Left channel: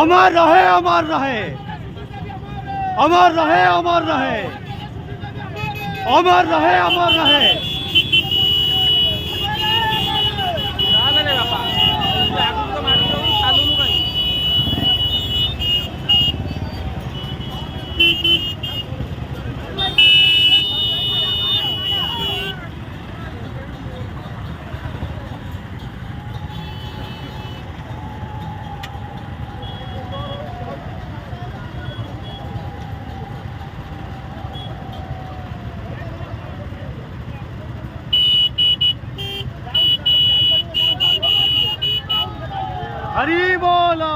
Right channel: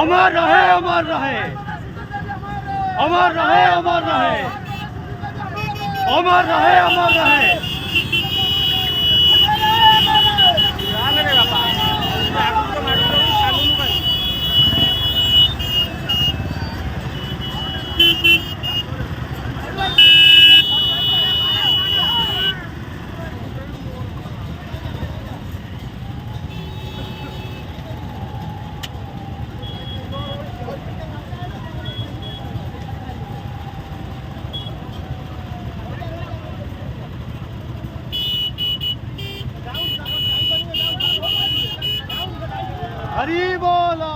अमर रहे, अमर रहे, अमर रहे, अमर रहे, अमर रहे, अमर रहे। हरी बोलो।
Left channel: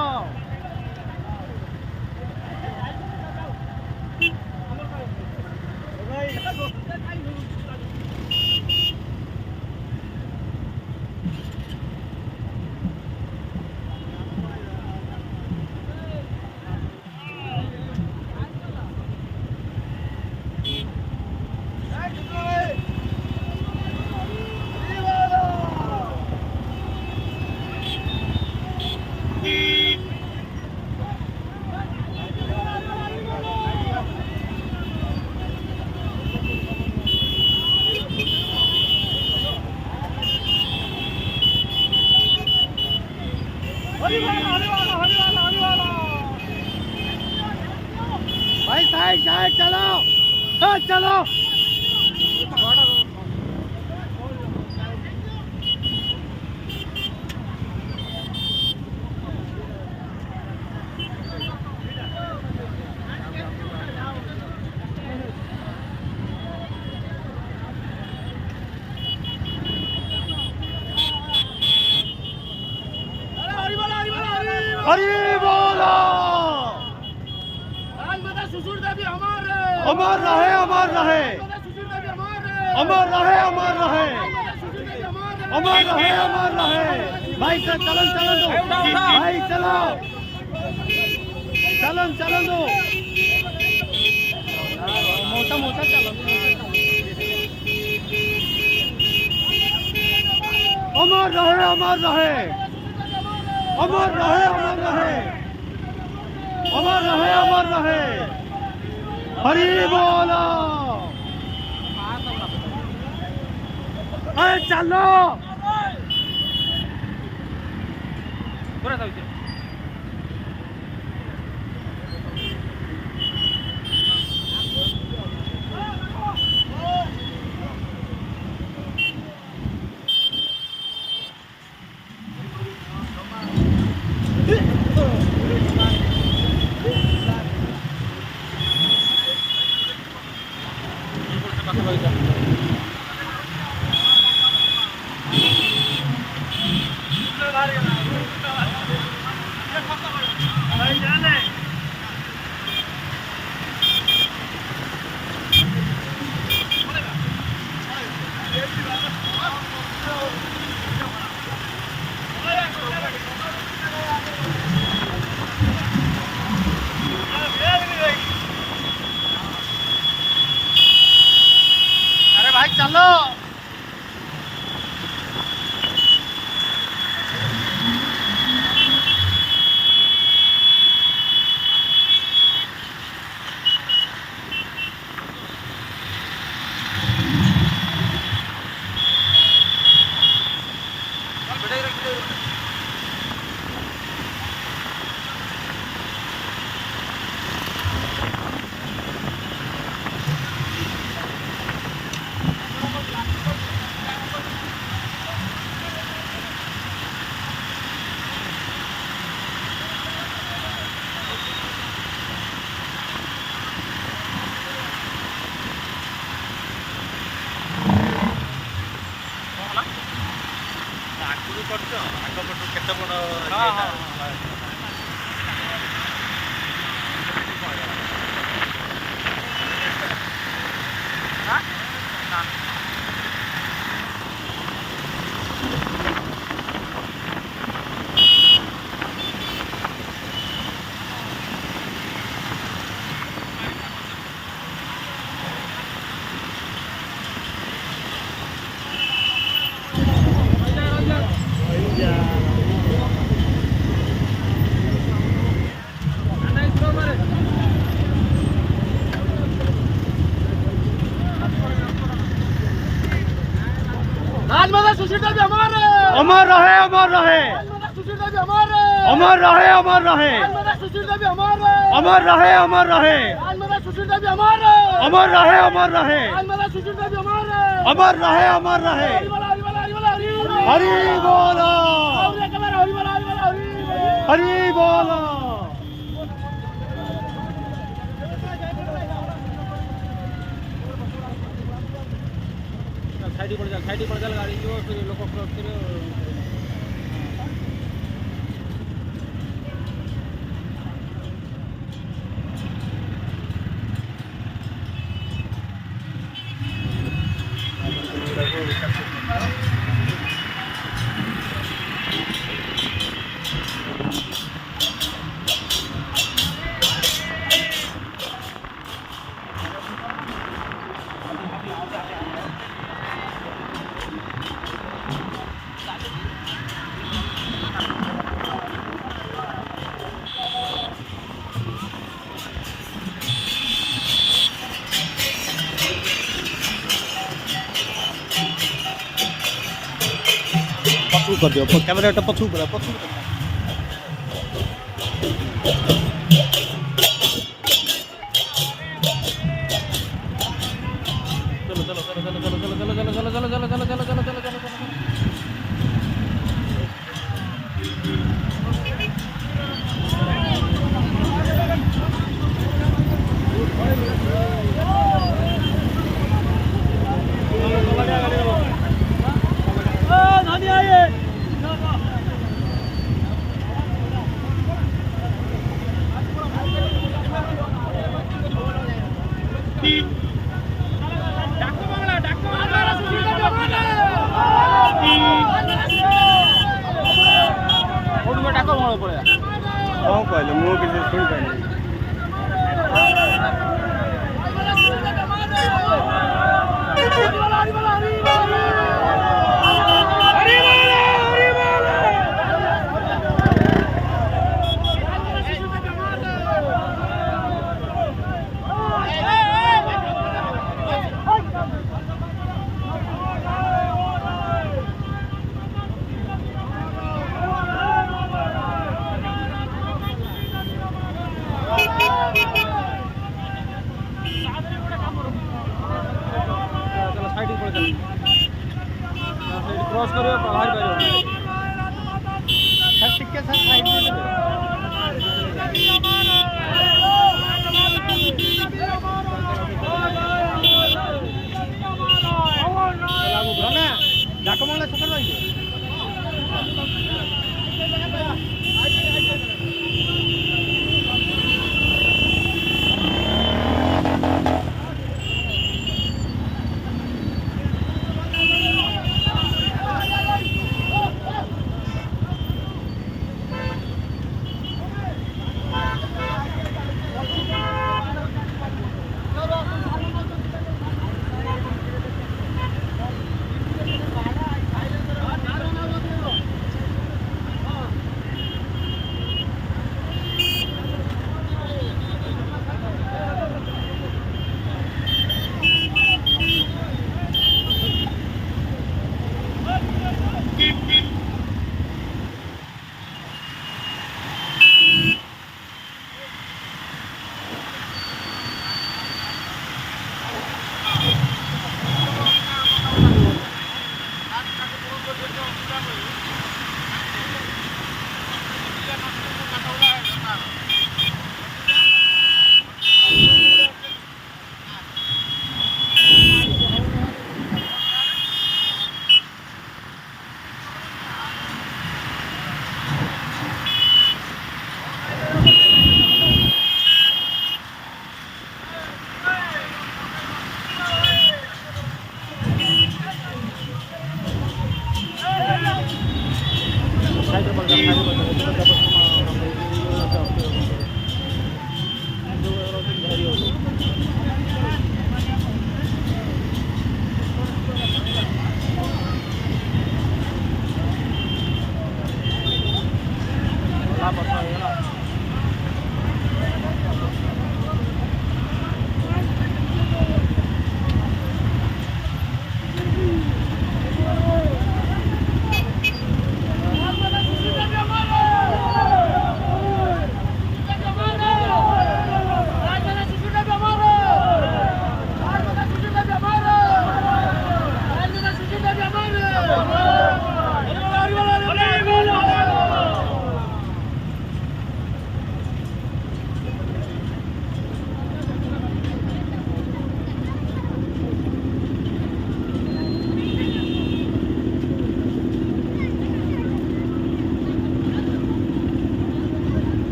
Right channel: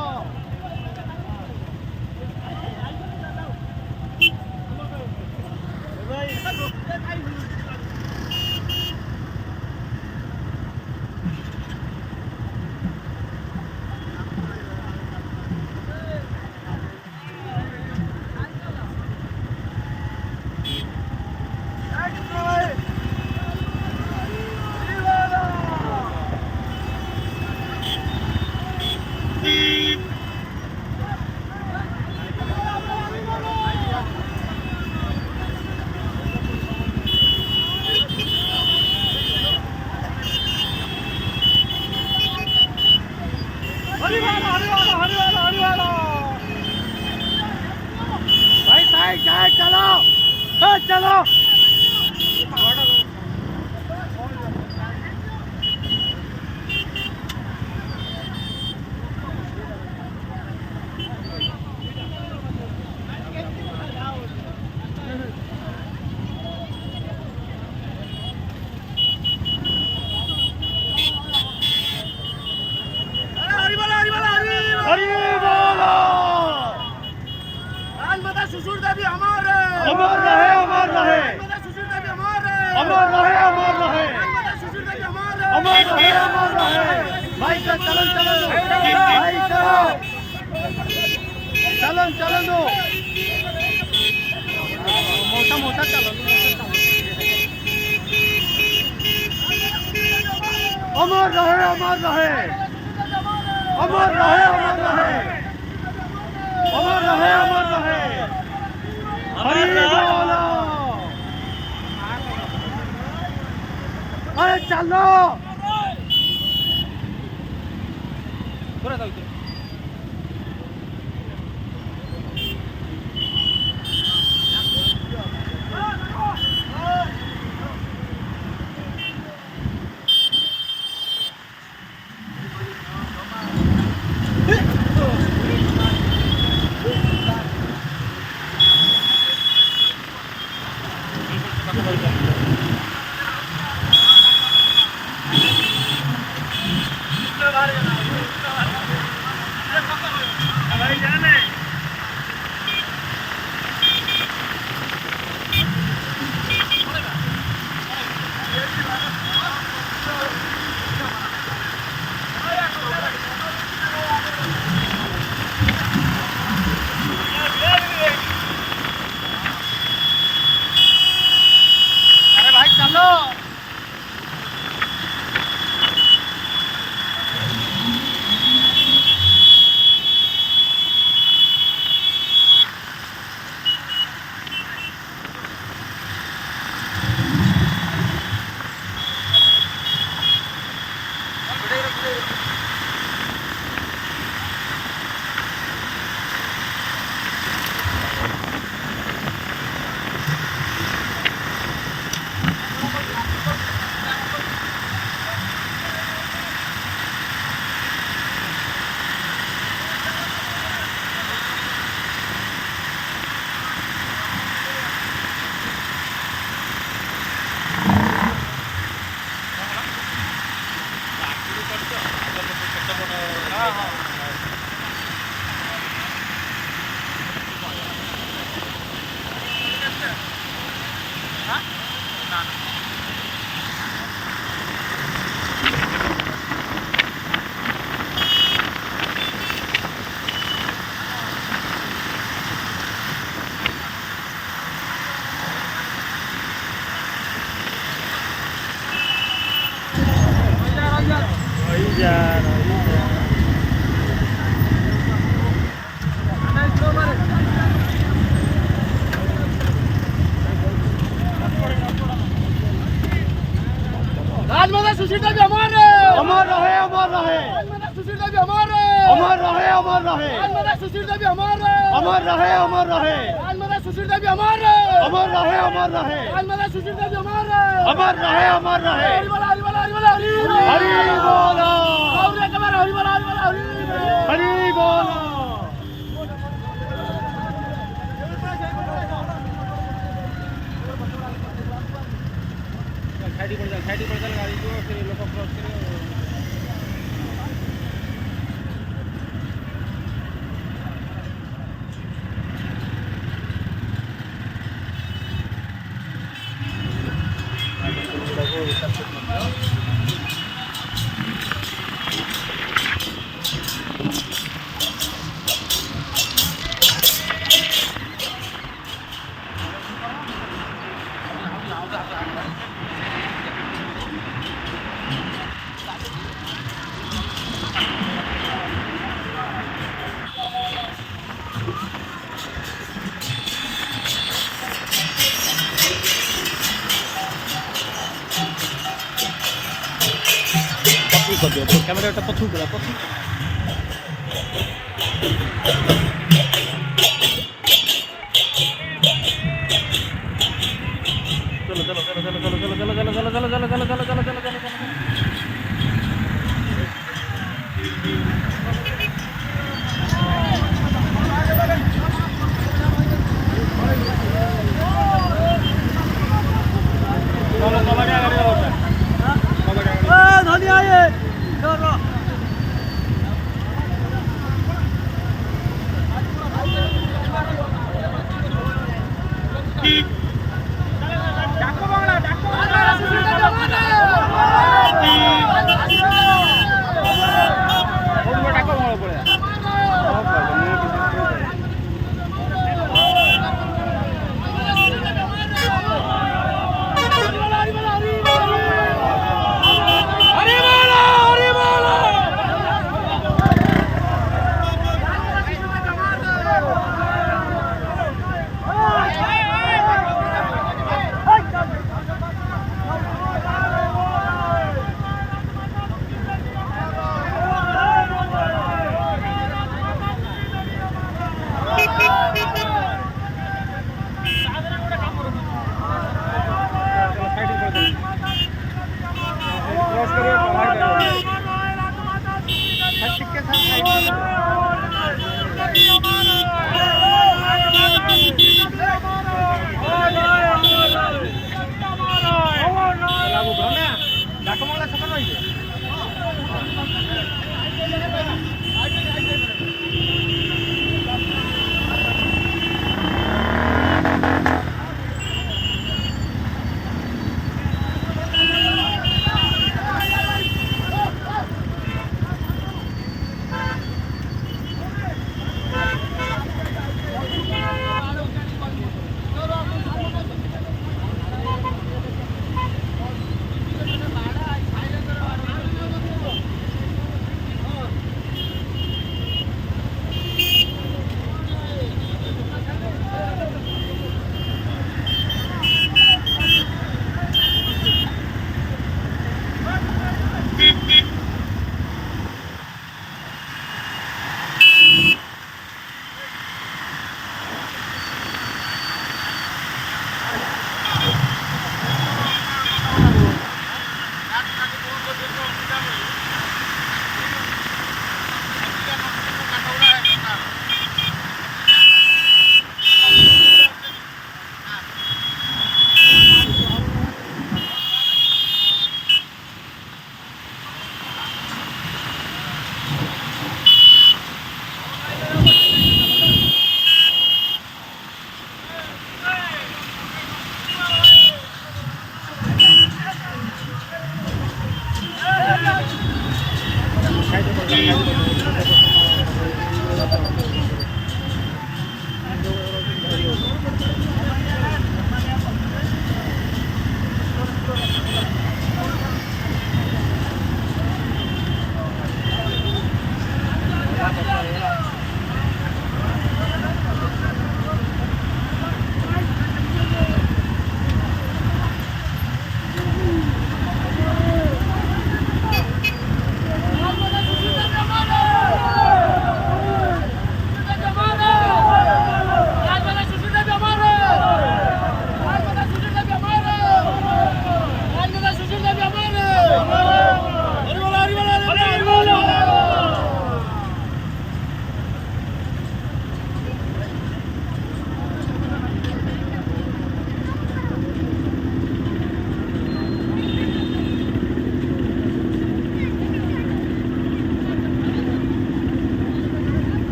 चलो चलो अमर रहे, अमर रहे, अमर रहे, अमर रहे, अमर रहे, अमर रहे। भाई चलन चलन दो, भाई चलो चलन चलन दो, मोटा मोटा चलन। अमर रहे, अमर रहे, अमर रहे, अमर रहे, अमर रहे, अमर रहे। हरी बोलो। अरे चलो थोड़ा सा না না राजमाता सुशीला जी अमर रहे अमर रहे राजमाता सुशीला जी अमर रहे अमर रहे राजमाता सुशीला जी अमर रहे अमर रहे राजमाता सुशीला जी अमर रहे अमर रहे राजमाता सुशीला जी अमर रहे अमर रहे हरि बोलो हरि बोलो साइड पर चल गाड़ी जो फिर लोग क्रॉस करो कर दिया तो कैमरा पत्थर करा क्रॉस करिए बाहर डाकमाला छकन पाहिजे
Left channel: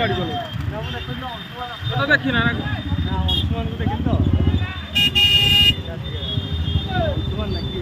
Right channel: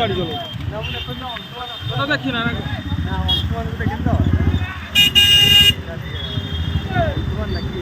গাড়ি চলো ওটা দেখি না না অংশমান দেখেন তো অংশমান নাকি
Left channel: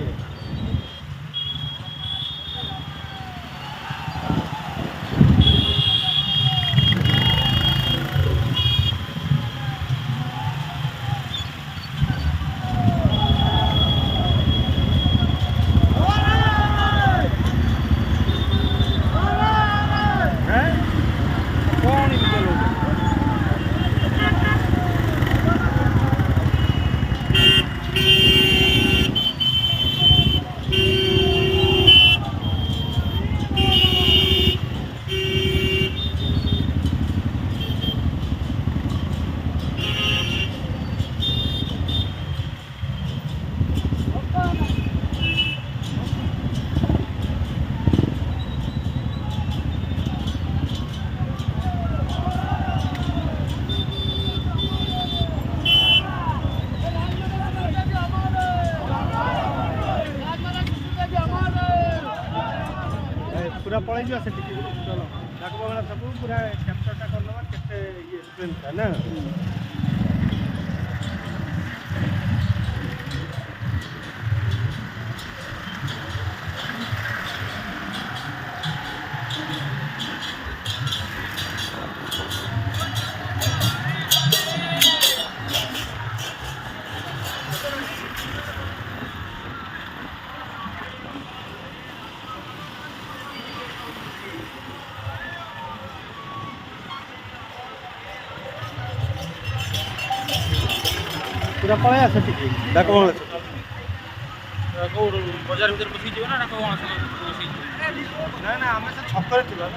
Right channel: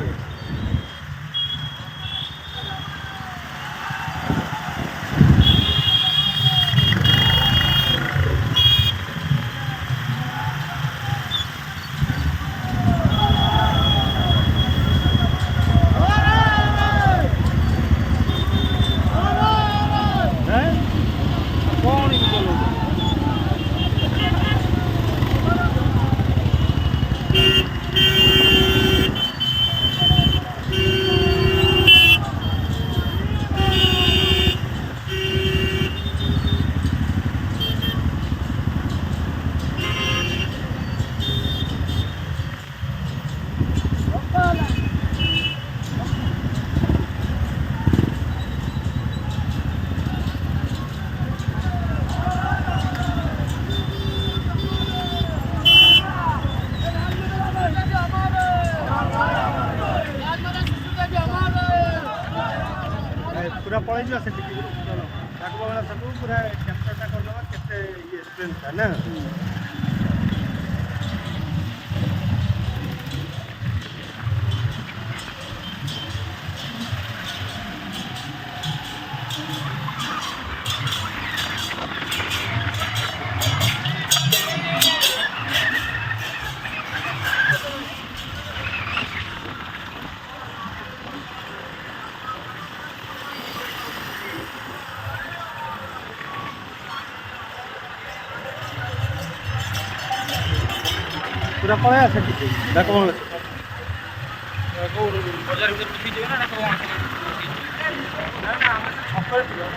पूरा पड़े जो से चलो डाकबो वाला सब पूरा कैप्चरटा कर लेबा केते ये स्ट्रेंथ है ना पूरा पड़े আছে ঠিক ডাকবো বাজার ভিতর বসি দিও না না কোন আছে না না আমরা তো ছক করে দিও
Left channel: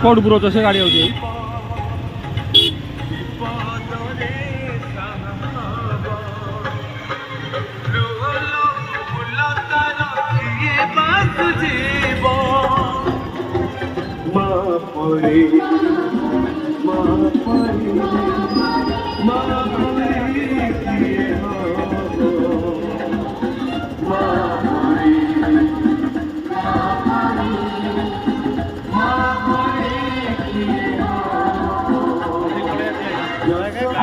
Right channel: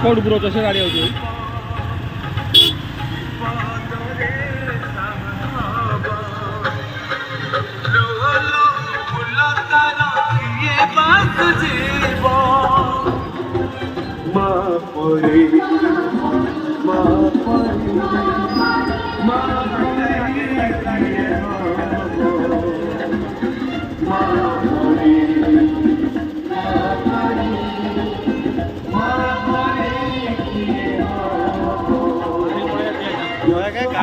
कोटपुर से गाड़ी होती है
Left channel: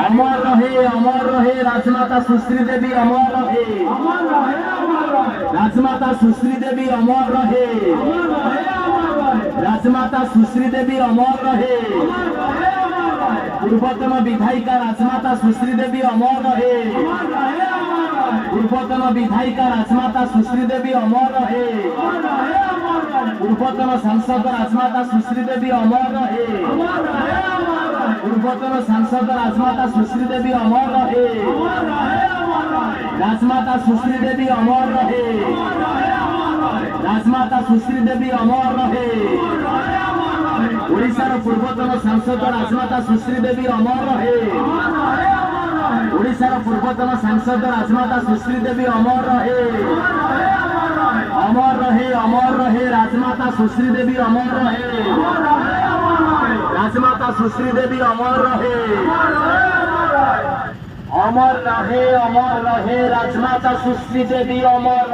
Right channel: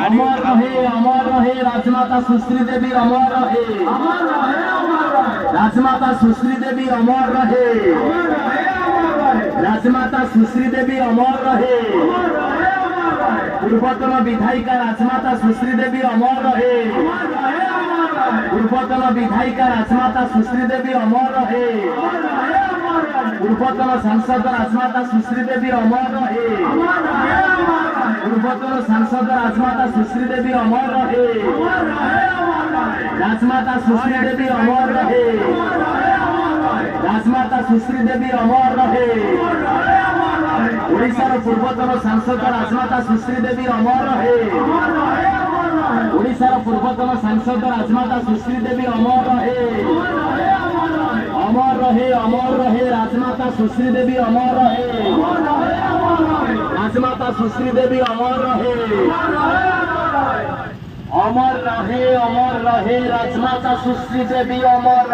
अमर रहे राजमाता सुश्री देवी अमर रहे राजमाता सुश्री देवी अमर रहे राजमाता सुश्री देवी अमर रहे पूर्वतन विधायिका राजमाता सुश्री देवी अमर रहे पूर्वतन विधायिका राजमाता सुश्री देवी अमर रहे पूर्वतन सांसद राजमाता सुश्री देवी अमर रहे पूर्वतन सांसद राजमाता सुश्री देवी अमर रहे राजमाता सुश्री देवी अमर रहे राजमाता सुश्री देवी अमर रहे ओडिशार पूर्वतन सांसद राजमाता सुश्री देवी अमर रहे ओडिशार पूर्वतन सांसद राजमाता सुश्री देवी अमर रहे राजमाता सुश्री देवी अमर रहे राजमाता सुश्री देवी अमर रहे राजमाता सुश्री देवी अमर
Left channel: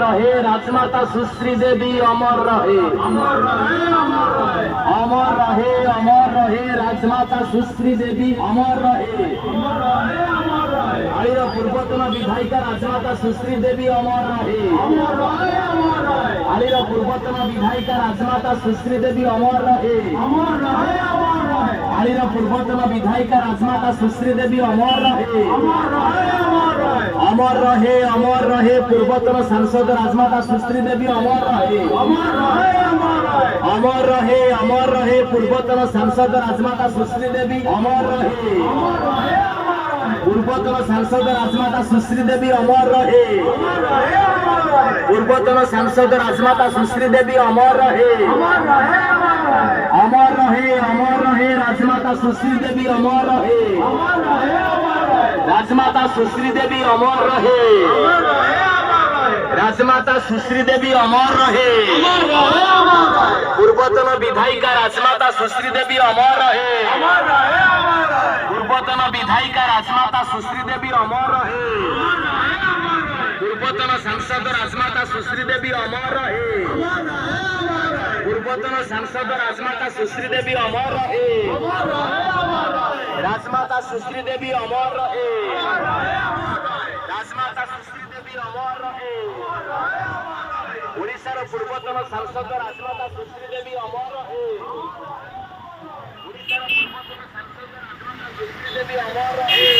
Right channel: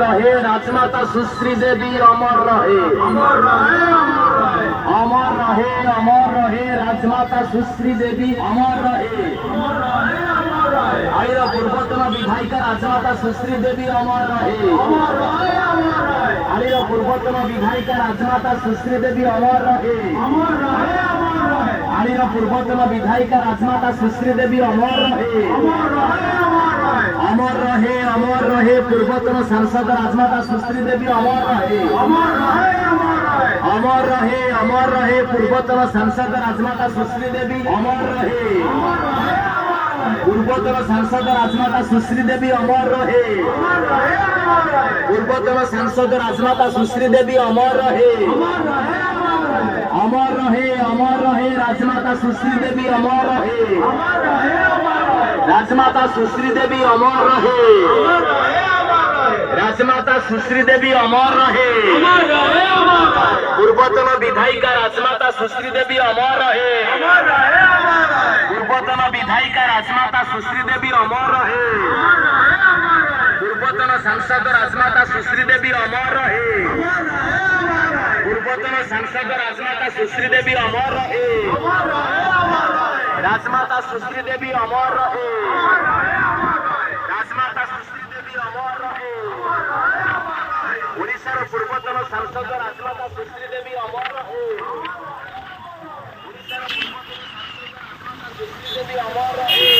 रहे राजमाता सुश्री देवी अमर रहे राजमाता सुश्री देवी अमर रहे आइर पूर्वतन विधायिका राजमाता सुश्री देवी अमर रहे आइर पूर्वतन विधायिका राजमाता सुश्री देवी अमर रहे आइर पूर्वतन विधायिका राजमाता सुश्री देवी अमर रहे अमर रहे पूर्वतन सांसद राजमाता सुश्री देवी अमर रहे पूर्वतन सांसद राजमाता सुश्री देवी अमर रहे पूर्वतन सांसद राजमाता सुश्री देवी अमर रहे पूर्वतन सांसद राजमाता सुश्री देवी अमर रहे राजमाता सुश्री देवी अमर रहे राजमाता सुश्री देवी अमर रहे राजमाता सुश्री देवी अमर रहे पूर्वतन विधायिका राजमाता सुश्री देवी अमर रहे पूर्वतन विधायिका राजमाता सुश्री देवी अमर रहे पूर्वतन सांसद राजमाता सुश्री देवी अमर रहे पूर्वतन सांसद राजमाता सुश्री देवी अमर रहे राजमाता सुश्री देवी अमर रहे राजमाता सुश्री देवी अमर रहे ओडिशार पूर्वतन सांसद राजमाता सुश्री देवी अमर रहे ओडिशार पूर्वतन सांसद राजमाता सुश्री देवी अमर रहे